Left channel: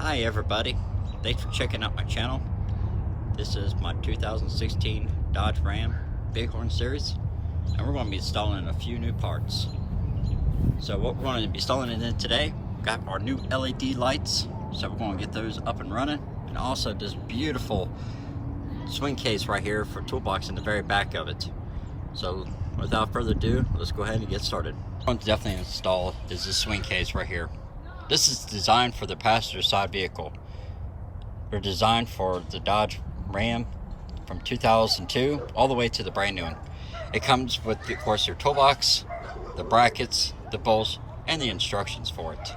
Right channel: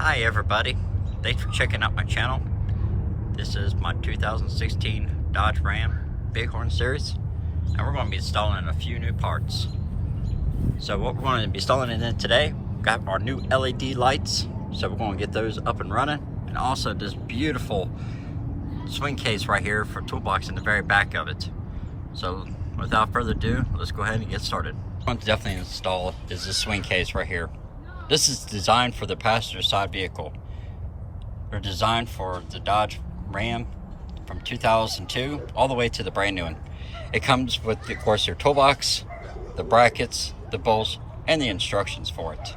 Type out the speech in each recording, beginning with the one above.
Hi everybody, thanks for checking out my channel. This is my 2016 Dodge Ram Bighorn series, and we're going to be installing a few new parts. So what we're going to be installing in today, we've got our new LED lights, so we're going to get those up and running, and also this beautiful swing case right here for toolbox in the very back of it. So without further ado, let's go ahead and get started. What I'm going to definitely install is this swing case right here. This is designed for the passenger side vehicle. They're designed for the Dodge Ram from 2002 all the way to the brand new one. It comes with, of course, your toolbox, the brackets, the bolts, and the instructions for it.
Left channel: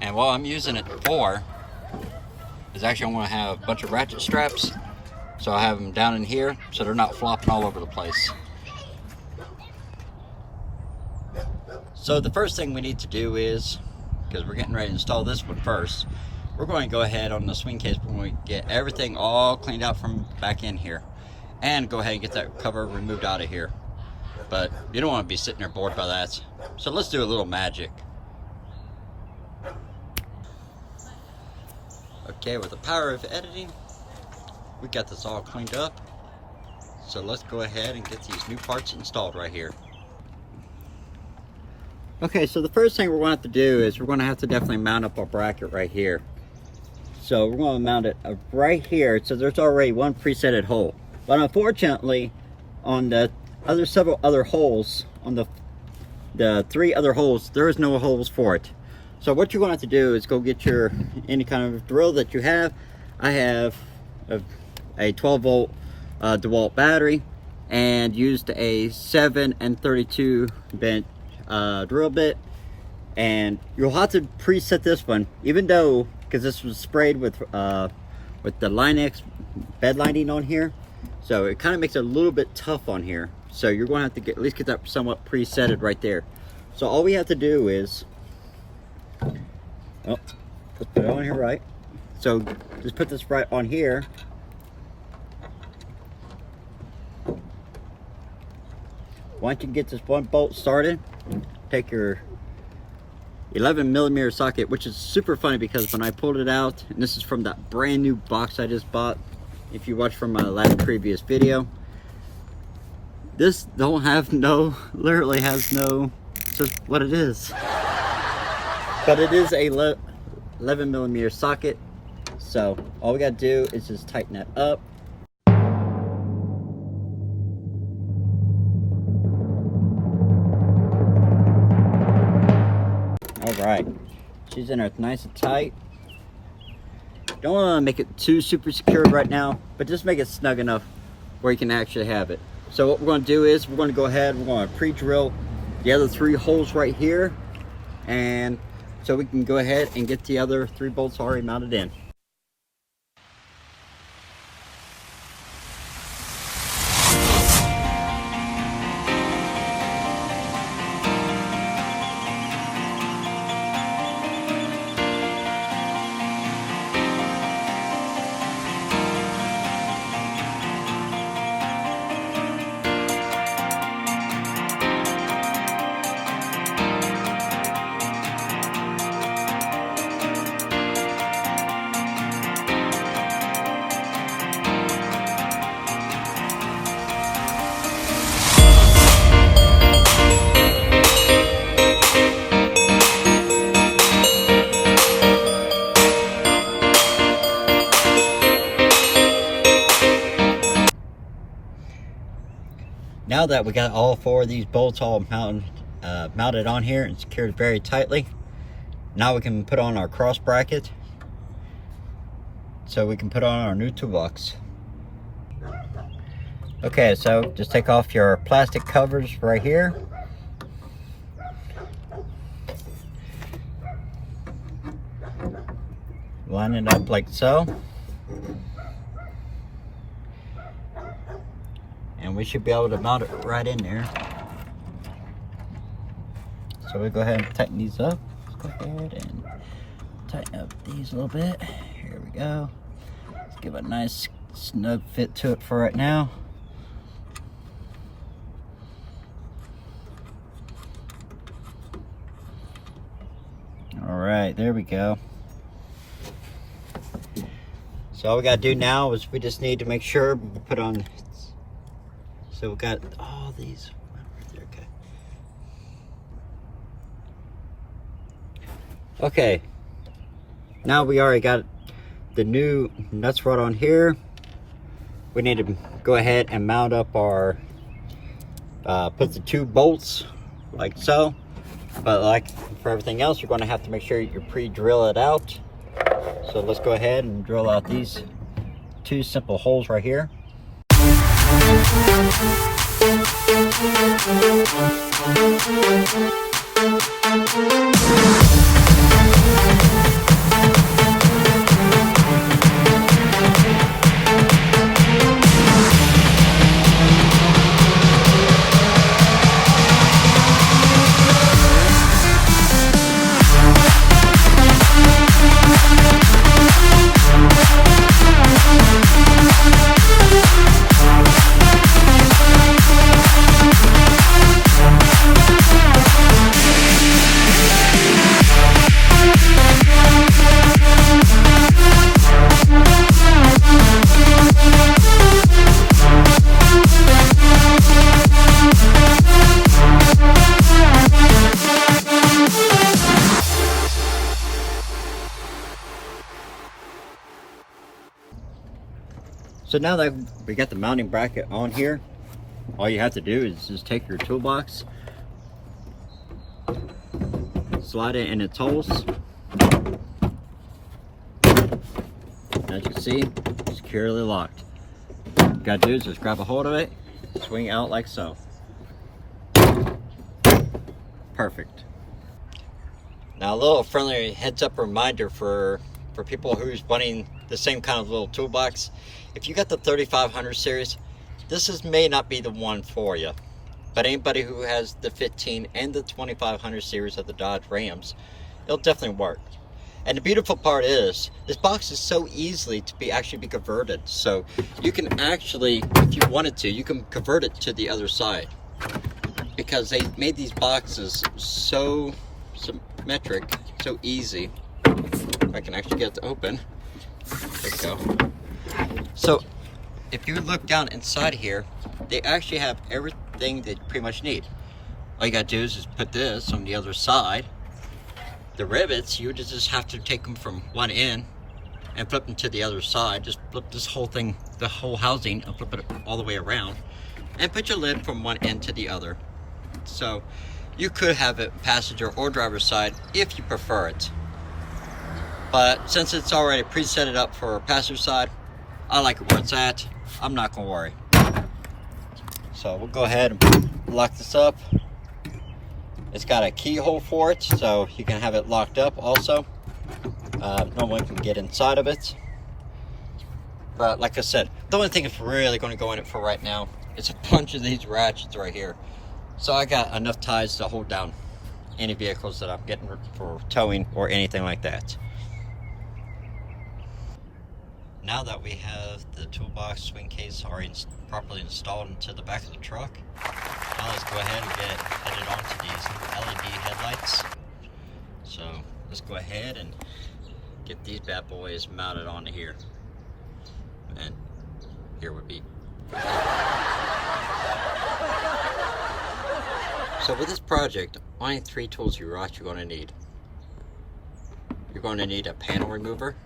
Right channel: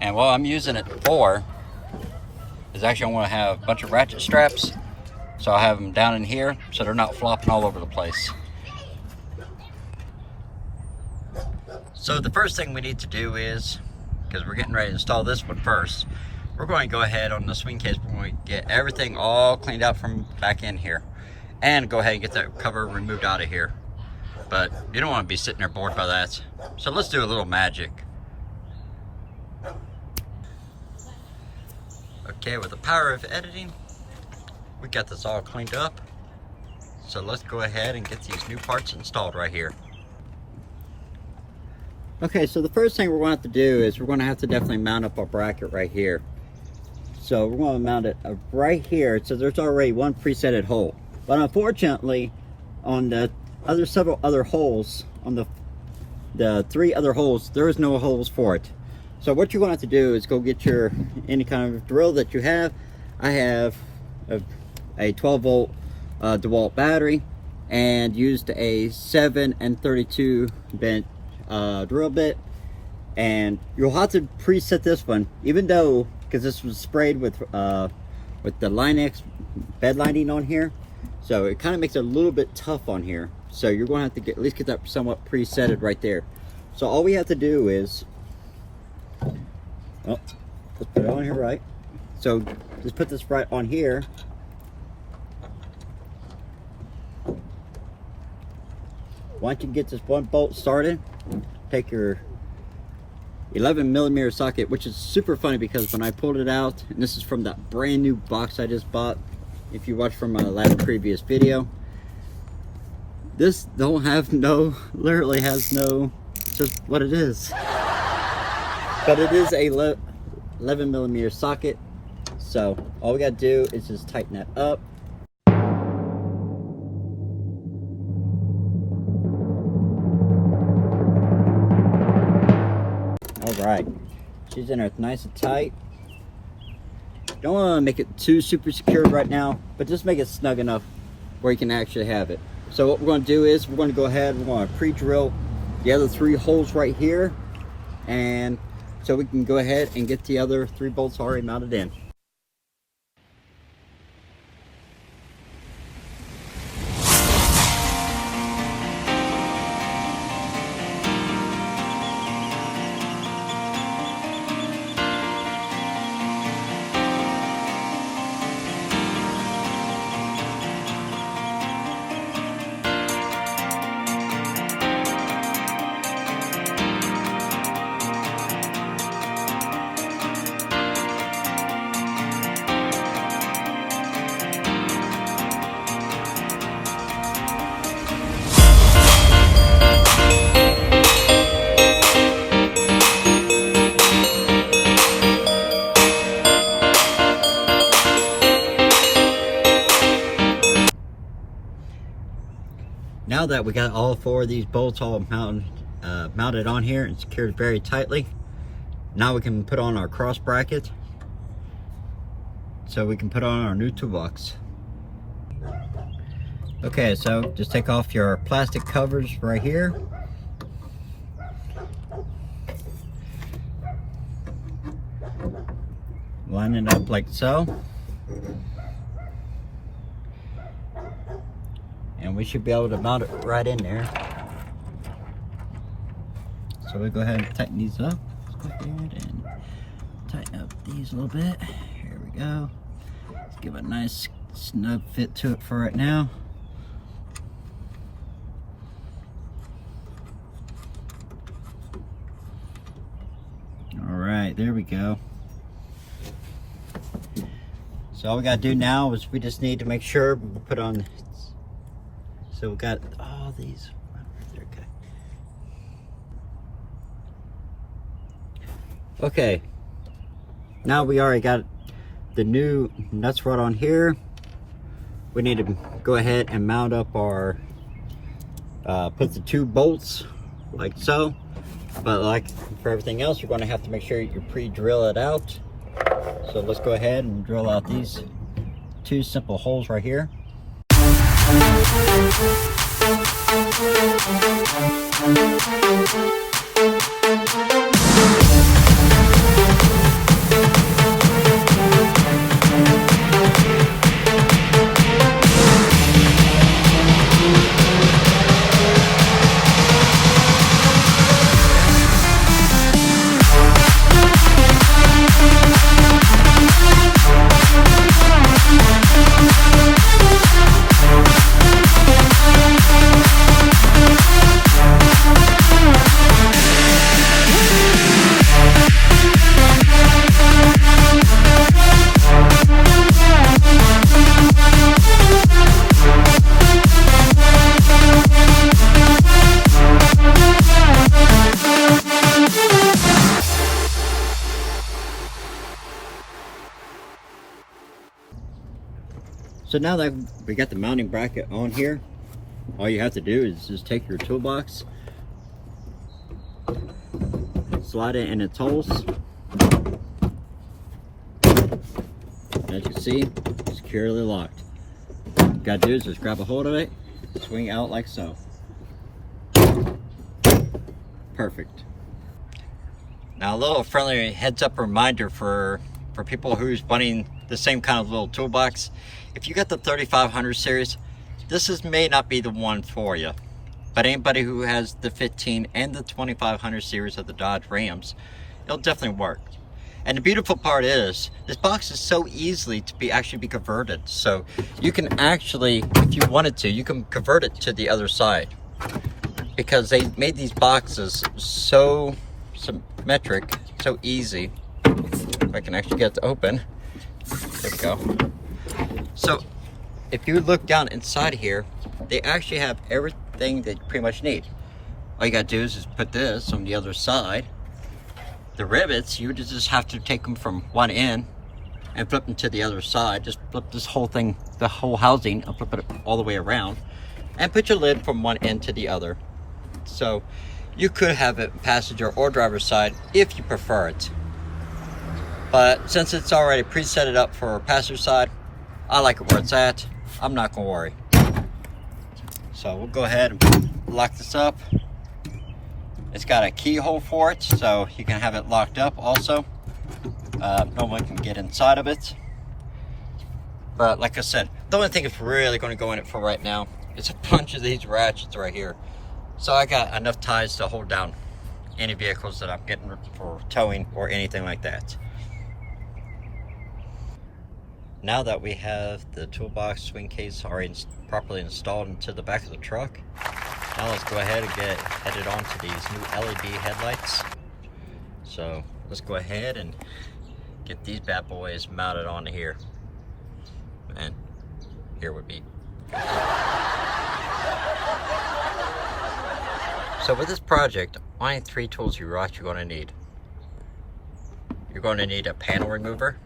And what I'm using it for is actually I want to have a bunch of ratchet straps, so I have them down in here so they're not flopping all over the place. So the first thing we need to do is, because we're getting ready to install this one first, we're going to go ahead on the swing case, we're going to get everything all cleaned out from back in here and go ahead and get that cover removed out of here. But you don't want to be sitting there bored by that, so let's do a little magic. Okay, with the power of editing, we got this all cleaned up, so let's go ahead and get these new parts installed right here. Okay, so the first thing we're going to have to do is we're going to have to definitely mount up our bracket right here. So we're going to mount it right here. So there's already one presetted hole. But unfortunately, on the several other holes, on the three other holes, there is no holes for it. So what you're going to have to do is go get your any kind of drill that you have. I have a 12 volt DeWalt battery and used a 7 and 32 bench drill bit, and you'll have to preset this one, even though, because this was sprayed with the Line-X bed lining on here, so it kind of makes it a little bit tough on here. So you're going to have to at least get that somewhat presetted right there. So all we have to do is, let's put it on here right. So just put this right on here. Once you get this one bolt started, take your 11mm socket, which is super funny because when I pulled it out, and this is from that brand new box I just bought, if you watched from my last previous video, this literally has no, it's just what it is. But it is a 11mm socket, so all we gotta do is just tighten that up. Alright, she's in there nice and tight. Don't want to make it too super secured right now, but just make it snug enough where you can actually have it. So what we're going to do is we're going to go ahead, we're going to pre-drill the other three holes right here, and so we can go ahead and get the other three bolts already mounted in. Now that we got all four of these bolts all mounted on here and secured very tightly, now we can put on our cross bracket so we can put on our new toolbox. Okay, so just take off your plastic covers right here. Line it up like so. And we should be able to mount it right in there. So we'll go ahead and tighten these up. Let's go ahead and tighten up these a little bit. Here we go. Let's give a nice snug fit to it for right now. All right, there we go. So all we gotta do now is we just need to make sure we put on. So we got all these. Okay. Okay. Now we already got the new nuts rod on here. We need to go ahead and mount up our, put the 2 bolts like so. But like for everything else, you're going to have to make sure you pre-drill it out. So let's go ahead and drill out these 2 simple holes right here. So now that we got the mounting bracket on here, all you have to do is just take your toolbox, slide it in its holes. As you see, securely locked. What you gotta do is just grab a hold of it, swing out like so. Perfect. Now a little friendly heads up reminder for people who's wanting the same kind of little toolbox. If you got the 3500 series, this may not be the one for you. But anybody who has the 15 and the 2500 series of the Dodge Rams, it'll definitely work. And the beautiful part is, this box is so easily to actually be converted. So you can actually, if you wanted to, you can convert it to the other side. Because they made these boxes so symmetric, so easy. If I can actually get it to open. There we go. So if you look down inside here, they actually have everything that you pretty much need. All you gotta do is just put this on the other side. The rivets, you just have to take them from one end and flip them to the other side. Just flip this whole thing, the whole housing, and flip it all the way around. And put your lid from one end to the other. So you could have it passenger or driver's side if you prefer it. But since it's already preset it up for passenger side, I like it where it's at. I'm not gonna worry. So we'll go ahead and lock this up. It's got a keyhole for it, so you can have it locked up also. No one can get inside of it. But like I said, the only thing that's really gonna go in it for right now is a bunch of these ratchets right here. So I got enough ties to hold down any vehicles that I'm getting for towing or anything like that. Now that we have the toolbox swing case already properly installed into the back of the truck, now let's go ahead and get headed on to these new LED headlights. So let's go ahead and get these bad boys mounted onto here. And here would be. So with this project, only 3 tools you're actually going to need. You're going to need a panel remover,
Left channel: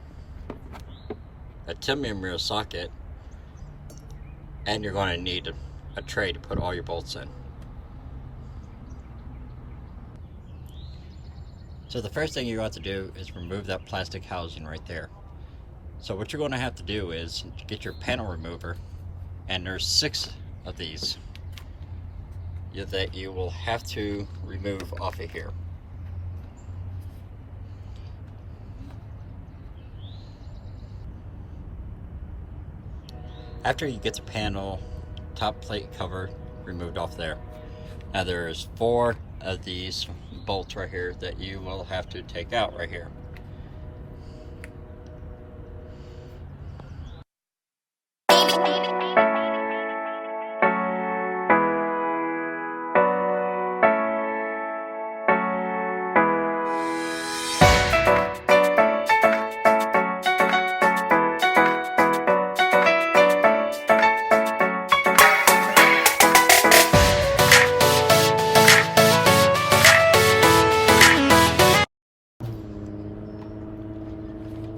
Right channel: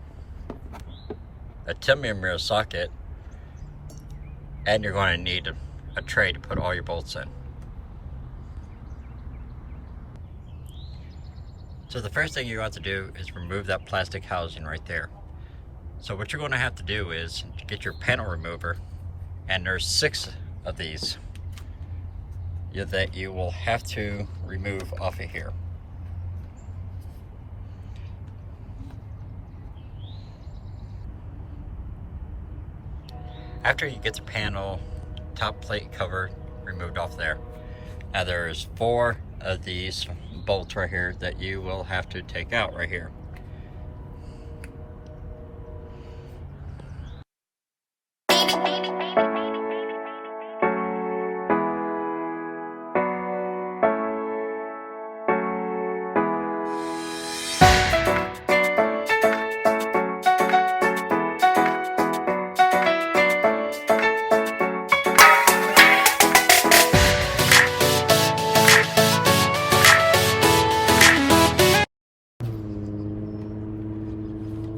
a 10mm socket, and you're going to need a tray to put all your bolts in. So the first thing you have to do is remove that plastic housing right there. So what you're going to have to do is get your panel remover, and there's 6 of these that you will have to remove off of here. After you get the panel top plate cover removed off there, now there's 4 of these bolts right here that you will have to take out right here.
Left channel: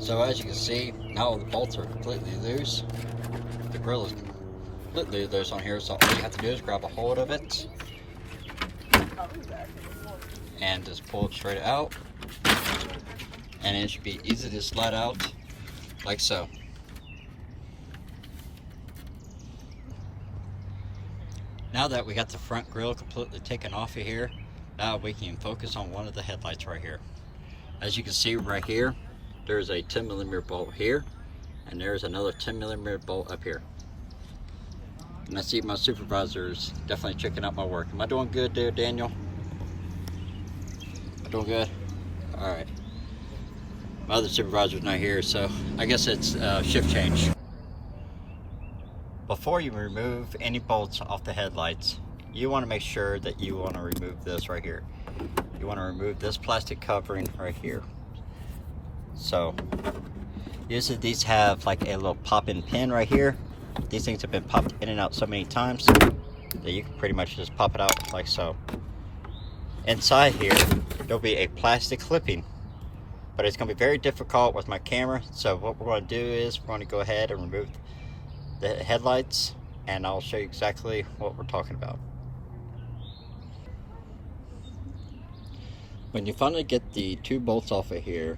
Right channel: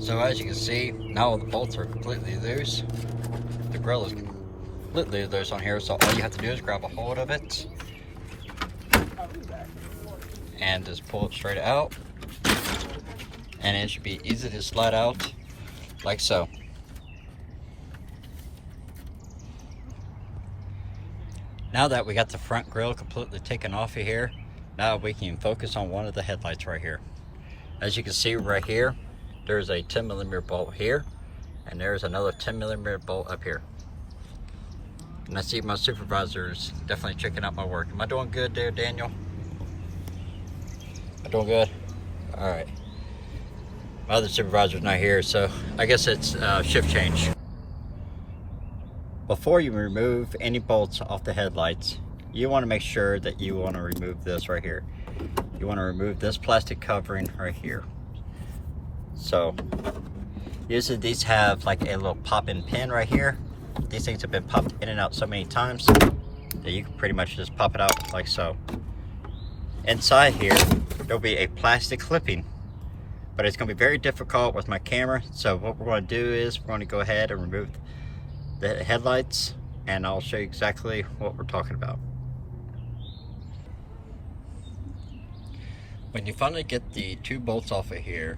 So as you can see, now the bolts are completely loose. The grill is completely loose on here, so all you have to do is grab a hold of it and just pull it straight out, and it should be easy to slide out like so. Now that we got the front grille completely taken off of here, now we can focus on one of the headlights right here. As you can see right here, there's a 10mm bolt here, and there's another 10mm bolt up here. And I see my supervisor's definitely checking out my work. Am I doing good there, Daniel? Am I doing good? All right. My other supervisor's not here, so I guess it's shift change. Before you remove any bolts off the headlights, you want to make sure that you want to remove this right here. You want to remove this plastic covering right here. So usually these have like a little pop-in pin right here. These things have been popped in and out so many times that you can pretty much just pop it out like so. Inside here, there'll be a plastic clipping, but it's going to be very difficult with my camera. So what we're going to do is we're going to go ahead and remove the headlights, and I'll show you exactly what we're talking about. When you finally get the two bolts off of here,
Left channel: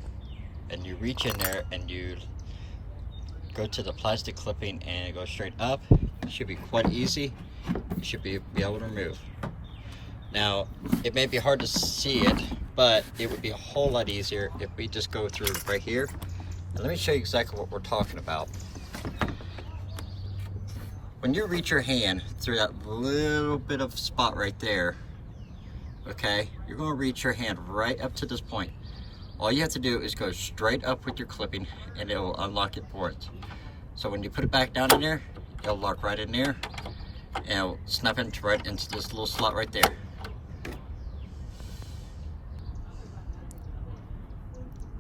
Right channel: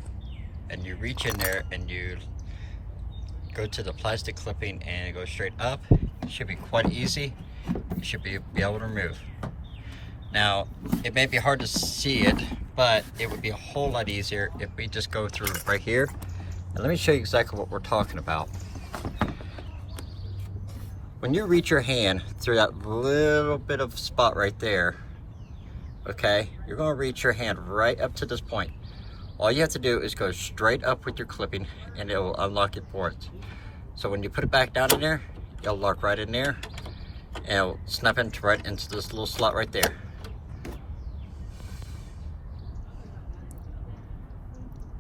and you reach in there and you go to the plastic clipping and go straight up, it should be quite easy. You should be able to remove. Now, it may be hard to see it, but it would be a whole lot easier if we just go through right here. Now, let me show you exactly what we're talking about. When you reach your hand through that little bit of spot right there, okay, you're going to reach your hand right up to this point. All you have to do is go straight up with your clipping and it will unlock it for it. So when you put it back down in there, it'll lock right in there and it'll snap right into this little slot right there.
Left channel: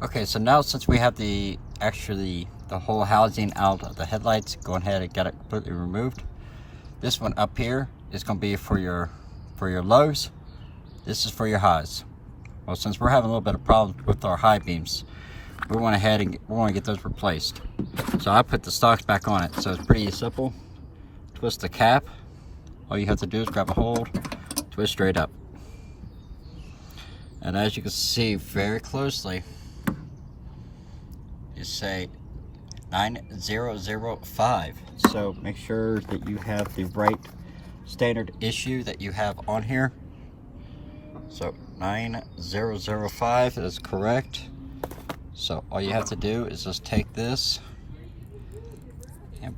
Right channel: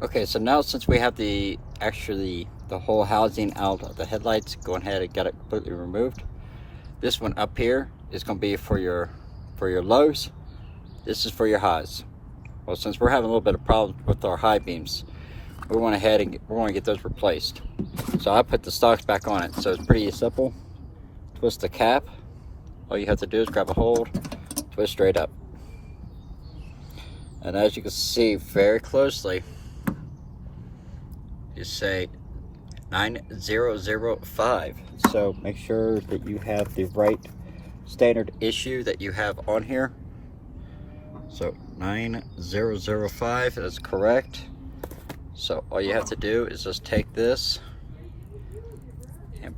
Okay, so now since we have the whole housing out of the headlights, go ahead and get it completely removed. This one up here is going to be for your lows. This is for your highs. Well, since we're having a little bit of problems with our high beams, we went ahead and we're going to get those replaced. So I put the stocks back on it. So it's pretty simple. Twist the cap. All you have to do is grab a hold, twist straight up. And as you can see very closely, you say 9005. So make sure that you have the right standard issue that you have on here. So 9005 is correct. So all you have to do is just take this and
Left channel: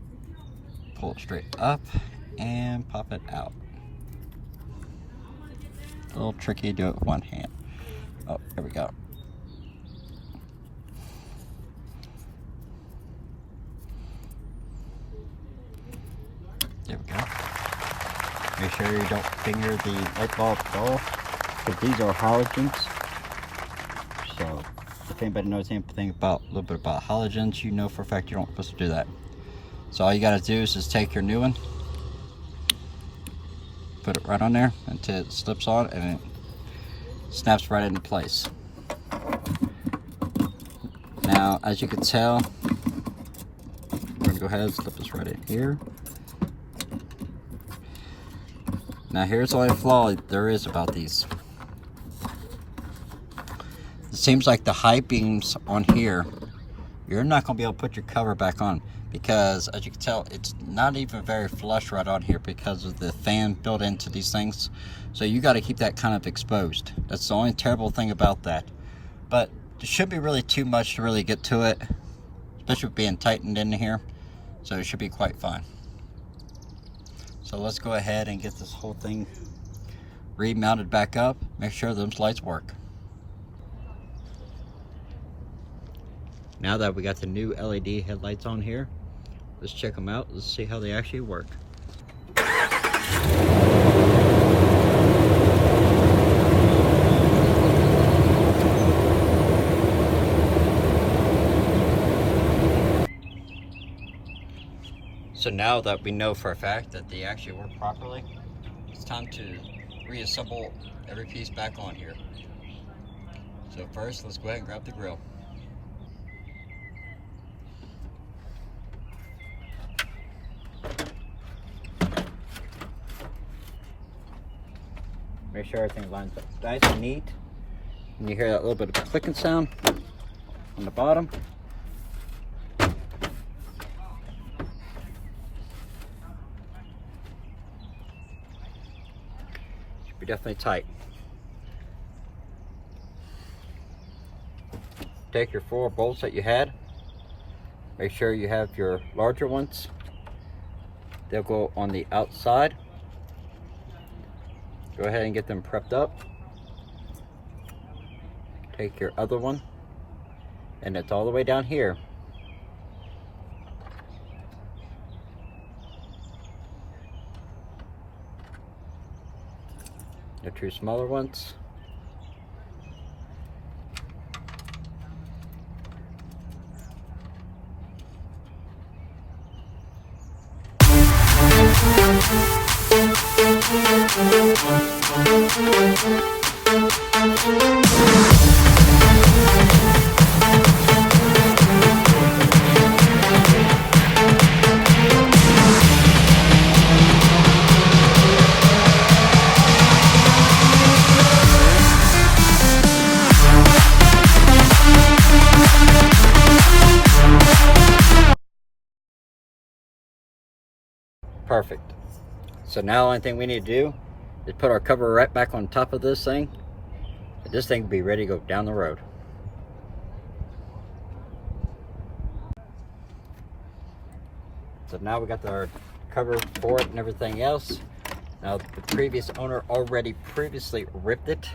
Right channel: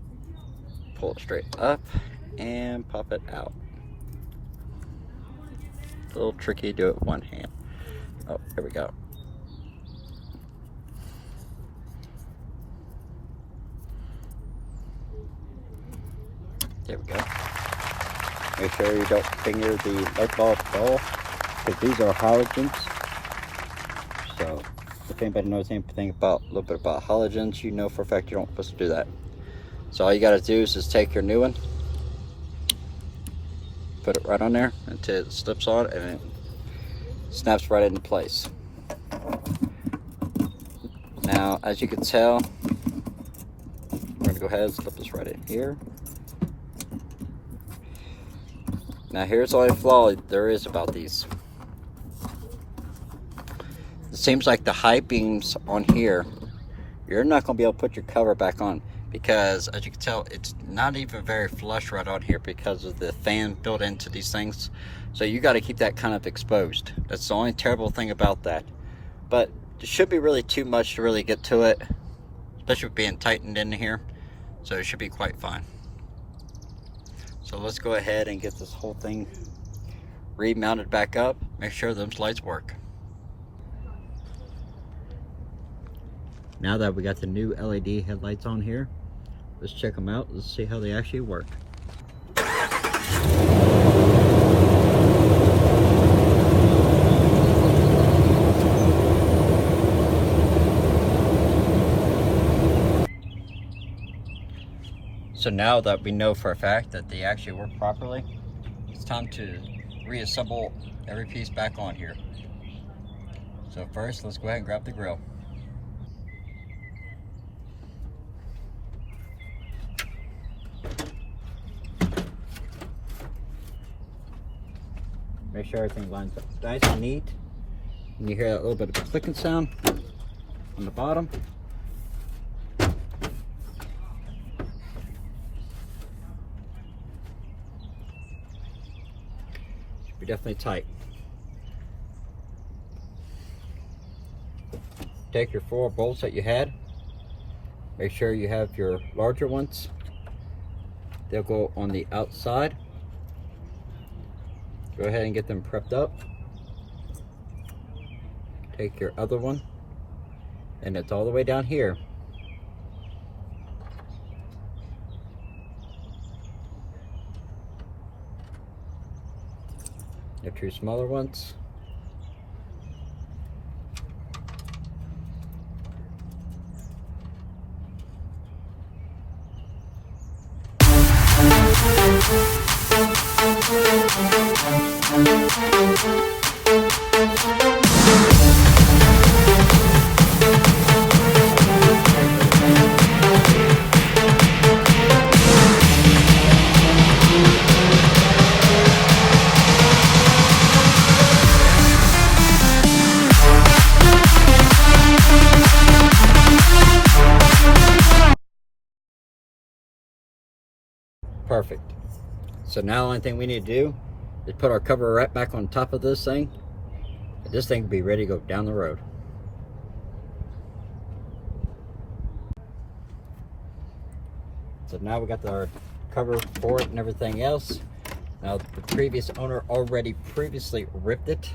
pull it straight up and pop it out. A little tricky, do it with one hand. Oh, there we go. There we go. Make sure you don't finger the light bulb at all, because these are halogens. So if anybody knows anything about a little bit about halogens, you know for a fact you're not supposed to do that. So all you got to do is just take your new one, put it right on there until it slips on and it snaps right into place. Now, as you can tell, I'm going to go ahead and slip this right in here. Now here's the only flaw there is about these. It seems like the high beams on here, you're not going to be able to put your cover back on, because as you can tell, it's not even very flush right on here because of the fan built into these things. So you got to keep that kind of exposed. That's the only terrible thing about that. But it should be really too much to really get to it, especially with being tightened in here. So it should be quite fine. So let's go ahead and get this whole thing remounted back up. Make sure those lights work. Now that we got the new LED headlights on here, let's check them out. Let's see how they actually work. So now that we know for a fact that they actually work properly, it's time to reassemble every piece back on here. So first, let's go ahead and grab the grill. Make sure everything lines up nice and neat. And you hear that little bit of a clicking sound on the bottom. Should be definitely tight. Take your 4 bolts that you had. Make sure you have your larger ones. They'll go on the outside. Go ahead and get them prepped up. Take your other one, and it's all the way down here. Your 2 smaller ones. Perfect. So now the only thing we need to do is put our cover right back on top of this thing, and this thing will be ready to go down the road. So now we got our cover for it and everything else. Now the previous owner already previously ripped it.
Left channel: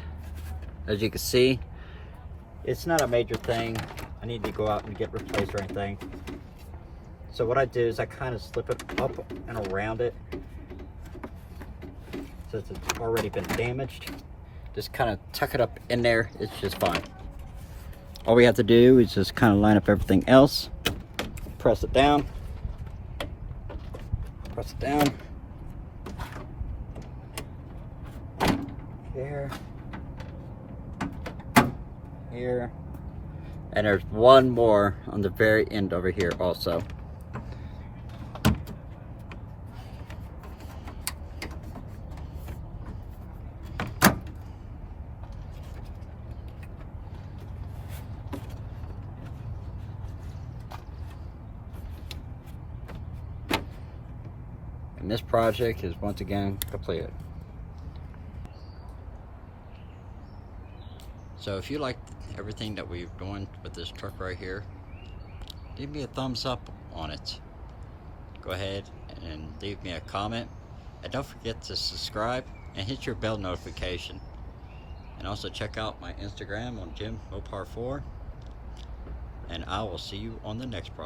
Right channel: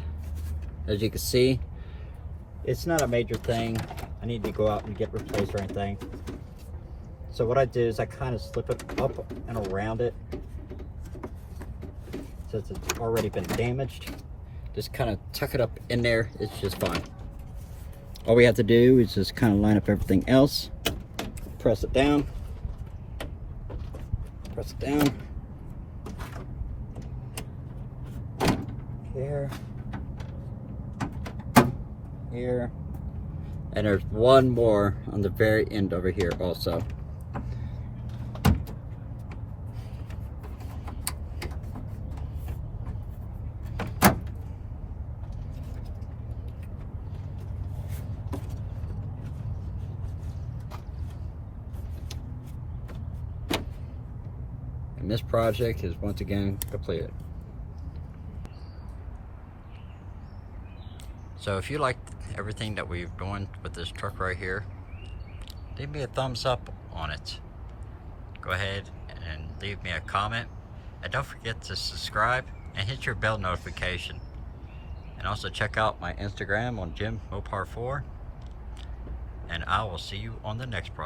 As you can see, it's not a major thing. I need to go out and get replaced or anything. So what I do is I kind of slip it up and around it. Since it's already been damaged, just kind of tuck it up in there. It's just fine. All we have to do is just kind of line up everything else. Press it down. Press it down. Here. Here. And there's one more on the very end over here also. And this project is once again completed. So if you like everything that we've done with this truck right here, leave me a thumbs up on it. Go ahead and leave me a comment, and don't forget to subscribe and hit your bell notification. And also check out my Instagram on Jim Mopar 4, and I will see you on the next project.